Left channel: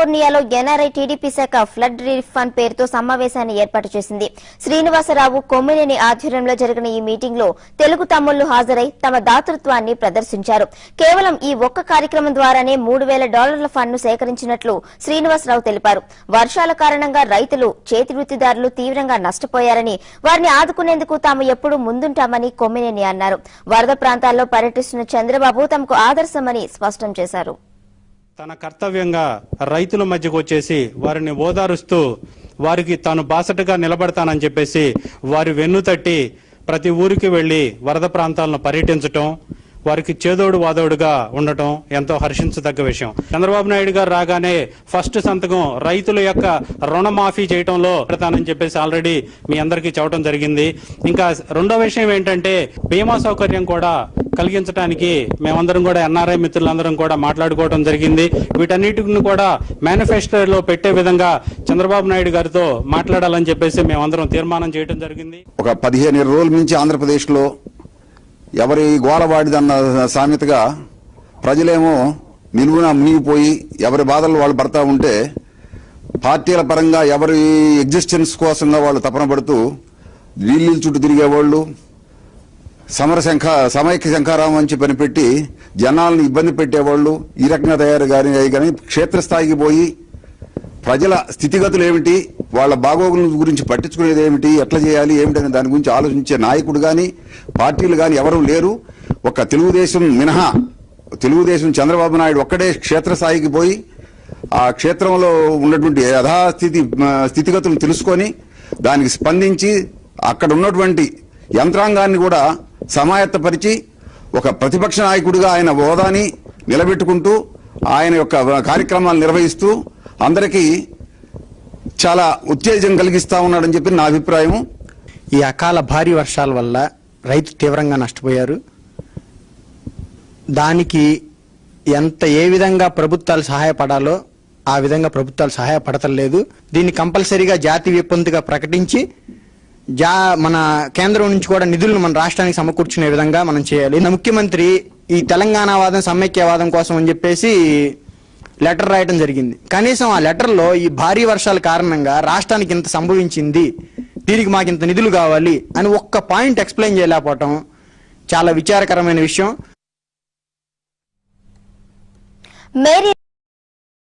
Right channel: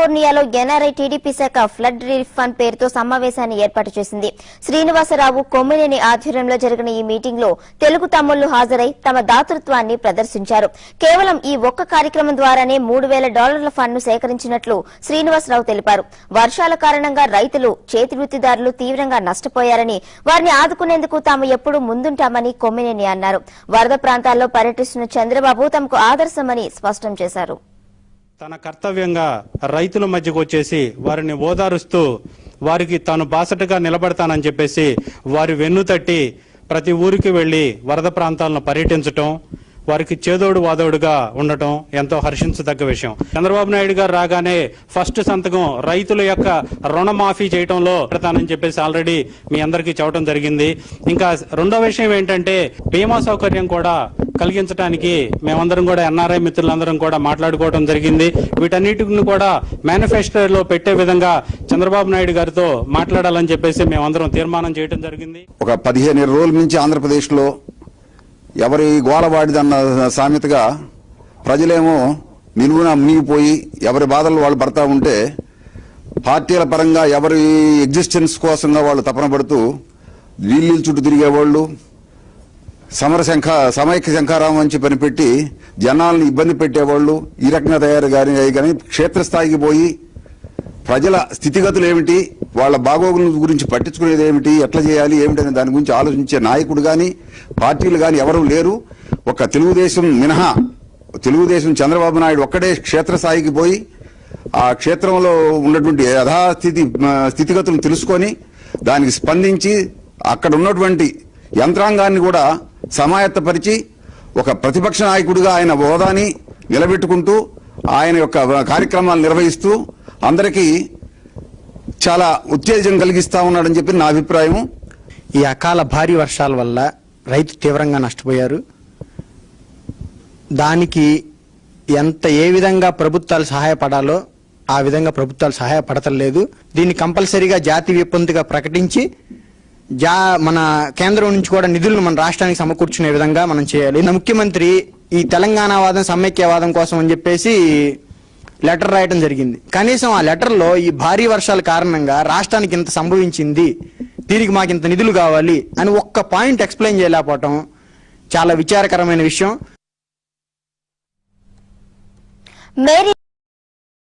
కాలిఫోర్నియాలో NRI TDP శాఖ flood relief fund పేరుతో సమావేశాన్ని ఏర్పాటు చేసింది. శ్రీనివాసరావు కొమ్మినేని ఆధ్వర్యంలో జరిగిన ఈ మీటింగ్ లో తెలుగు తమ్ముళ్లు హాజరై తమ దాతృత్వాన్ని ప్రదర్శించారు. కేవలం ఈ ఒక్క కార్యక్రమం ద్వారానే $3,000 ఫండ్ ను సేకరించినట్లు శ్రీనివాసరావు తెలిపారు. వర్షాల కారణంగా రైతులు, చేతి వృత్తిదారులు తీవ్రంగా నష్టపోయారని, వారిని ఆదుకునేందుకు తాము ఎప్పుడూ ముందుంటామని కొమ్మినేని అన్నారు. వరద ప్రాంతాల్లో పర్యటిస్తున్న చంద్రబాబు తమకు ఆదర్శమని స్పష్టం చేశారు. తన కర్తవ్యంగా రైతుల మధ్యకు వచ్చేసి వారిని ఓదారుస్తూ వారికి తాను బాసటగా నిలబడతానని చెప్పేసి వారి వెన్నుతట్టి ప్రతి ఊరికి వెళ్లి వరద ప్రాంతాలను పర్యటించటం, వారికి చేదోడు వాదోడుగా ఉండటం ఎంతో హర్షించదగ్గ విషయం. చంద్రబాబు నాయుడు గారు రాగానే ఫస్ట్ సంతకం రైతుల యొక్క రుణమాఫీ చేయడంలో పెడతానని చెప్పేసి ఆల్రెడీ మీ అందరికీ చెప్పడం జరిగింది. ఇంకా రెండో విషయం ఏంటంటే బీమా సౌకర్యం కూడా కలిగించడానికి మేమందరం కూడా ఎన్ఆర్ఐ మిత్రులందరం కూడా మాట్లాడుకోవడం జరిగింది. వీటన్నిటిని కూడా మేనిఫెస్టోలో పెట్టే విధంగా చంద్రబాబు నాయుడు గారితో మాట్లాడాలని చెప్పేసి మేమందరం తీర్మానం చేయడం జరిగింది. ఒక 15 రోజుల నుంచి ఆంధ్రప్రదేశ్ లో ఎవరి గోలవాడిదన్న సామెతగా ప్రజలేమో నిలువున మునిగిపోయి ఎవరి బాధలు వాళ్ళు పడతా ఉంటే పార్టీల పరంగా ఎవరి ఎగ్జిస్టెన్స్ కోసంగా వాళ్ళు తపన పడుతూ ఢిల్లీ చుట్టూ తిరిగేవాళ్ళు, సమైక్య శంఖారామం అని చెప్పని పెట్టి జనాలను ఇబ్బంది పెట్టేవాళ్ళు ఈ రకంగా తయారు కానీ క్షేత్రస్థాయికి పోయి ప్రజల స్థితిగతులు ఏమిటి, వాళ్ళ బాగోగుల గురించి పట్టించుకునేది ఏమిటి, ఎట్లా చేయాలి ఏమిటనే దాని గురించి ఆలోచించే నాయకుడు గాని పార్టీలు గాని ఎవరూ లేరు. ఒక తెలుగుదేశం మినహా తెలుగుదేశం చంద్రబాబు నాయుడు ఒక్కడే క్షేత్రస్థాయికి పోయి ఆ క్షేత్రంలో ఉన్నటువంటి స్థితిగతులను తెలుసుకొని దానికి స్పందించి అక్కడ ఉన్నటువంటి యంత్రాంగాన్ని కూడా సమాయత్తపరిచి ఒక ప్రతిపక్ష నాయకుడిగా ఆయన హోదాని నిలబెట్టుకుంటూ ఆయన యొక్క కార్యక్రమాలు నిర్వహిస్తూ అందరికీ చాలా ఉత్తేజం కలిగిస్తా ఉన్నాడని చెప్పి నా అభిప్రాయం. ఈ అకాల భారీ వర్షాల వల్ల రైతు తీవ్రంగా నష్టపోయారు. దానికి ఏ విధంగా ప్రభుత్వాలు సహాయపడాలో ఆ విధంగా ప్రభుత్వాలు సహాయపడతలేదు. దీన్ని కంపల్సరీగా జాతీయ విపత్తుగా ప్రకటించి మన కేంద్రం నుంచి కూడా నిధులు మన రాష్ట్రానికి సమకూర్చునే విధంగా మనం చేయాలి. ముఖ్యమంత్రి ఈ తెలంగాణ వాదం, సమైక్యవాదం కోసం అని చెప్పేసి లెటర్ రాయడం జరిగింది. కనీసం ఆ లెటర్ లో ఈ భారీ వర్షాల కారణంగా రాష్ట్రానికి ఇంత సంభవించింది, దీనికి మాకు ఇంత నిధులు కావాలి అని ఒక్క పాయింట్ ఎక్స్ప్లెయిన్ చేయలేకపోవటం చాలా విచారకరమైన విషయం.